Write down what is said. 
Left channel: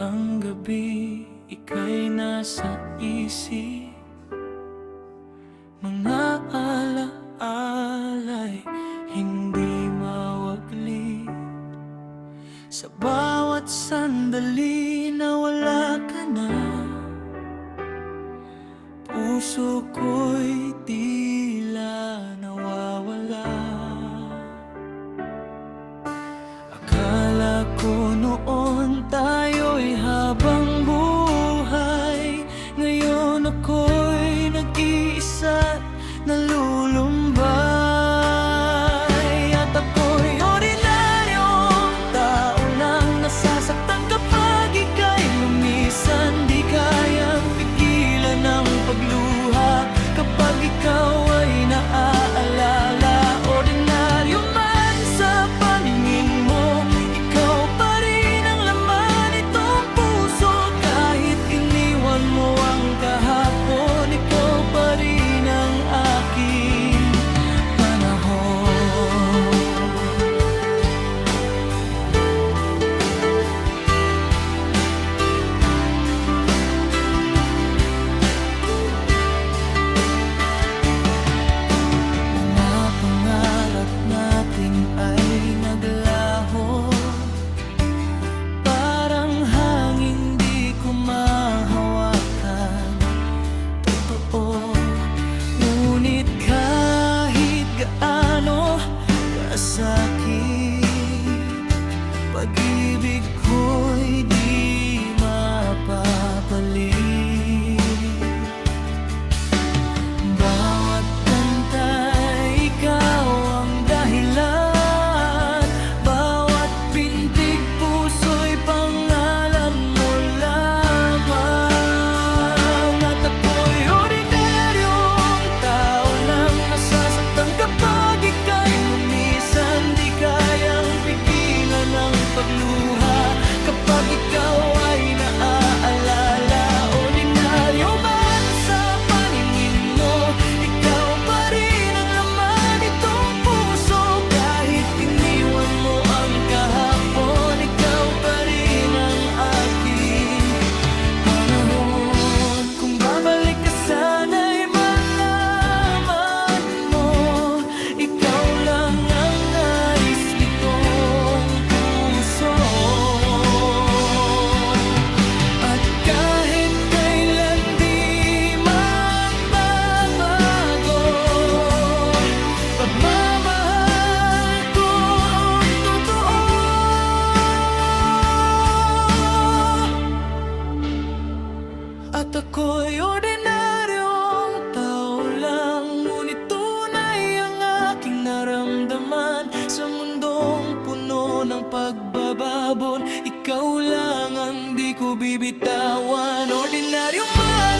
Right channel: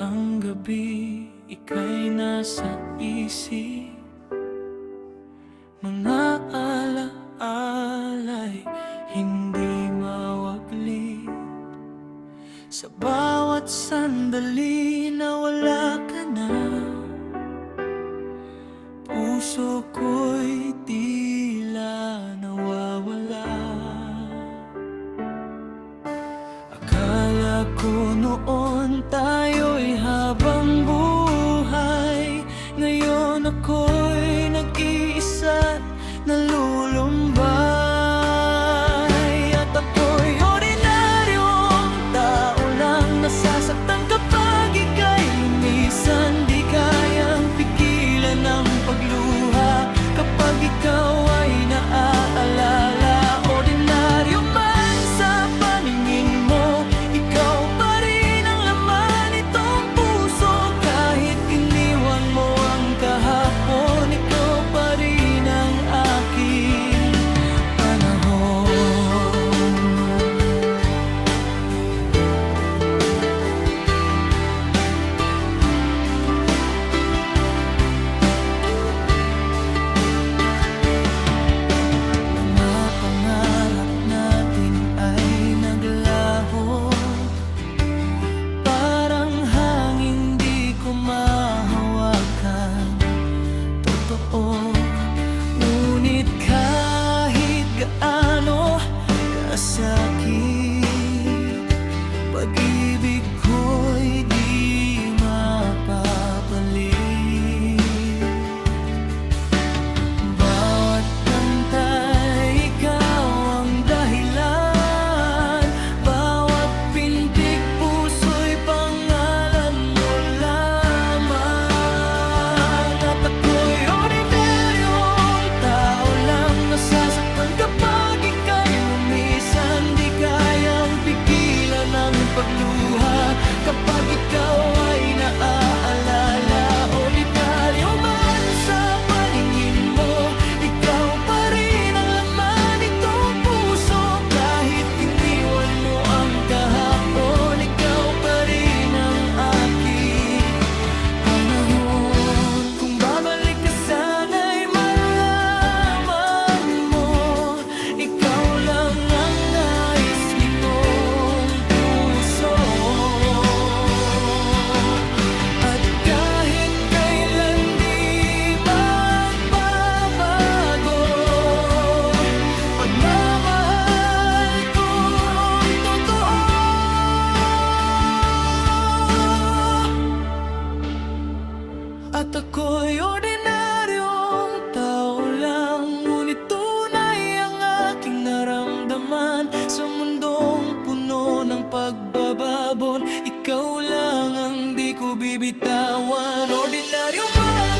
ang gabi, ika'y nasa isip. Mga alaala'y hindi mawagli. Sa bawat sandali na wala ka na, puso ko'y tila nawawala. Akala ko noon tayo'y habang buhay, ngayon ako'y nag-iisa't nalulumbay. At ako'y ordinaryong tao lang, nasasaktan kapag ika'y lumisan. Di kayang pigilan ang pagluha kapag ikaw ay naaalala. Ordinaryo man sa paningin mo, ikaw pa rin ang laman nitong puso. Kahit iniwan mo ang kahapon, ikaw pa rin ang aking panahon. Mga pangarap natin ay naglaho, parang hangin di ko mahawakan. Totoo, ngunit kahit gaano kasakit, pag-ibig ko'y di mapapalit. Bawat kanta'y ikaw ang dahilan, bawat pintig puso'y pangalan mo lamang. At ako'y ordinaryong tao lang, nasasaktan kapag ika'y lumisan. Di kayang pigilan ang pagluha kapag ikaw ay naaalala. Ordinaryo man sa paningin mo, ikaw pa rin ang laman nitong puso. Kahit iniwan mo ang kahapon, ikaw pa rin ang aking panahon. Kung babalik ka sana'y malaman mo, ikaw lang ang nais nitong puso. At kahit kailan di magbabago, pagmamahal kong totoo. At ako'y ordinaryong tao lang, ngunit tunay ang aking naramdaman. Sa mundong puno ng pagbababon, ikaw lang ang di ko bibitawan. Ordinaryo man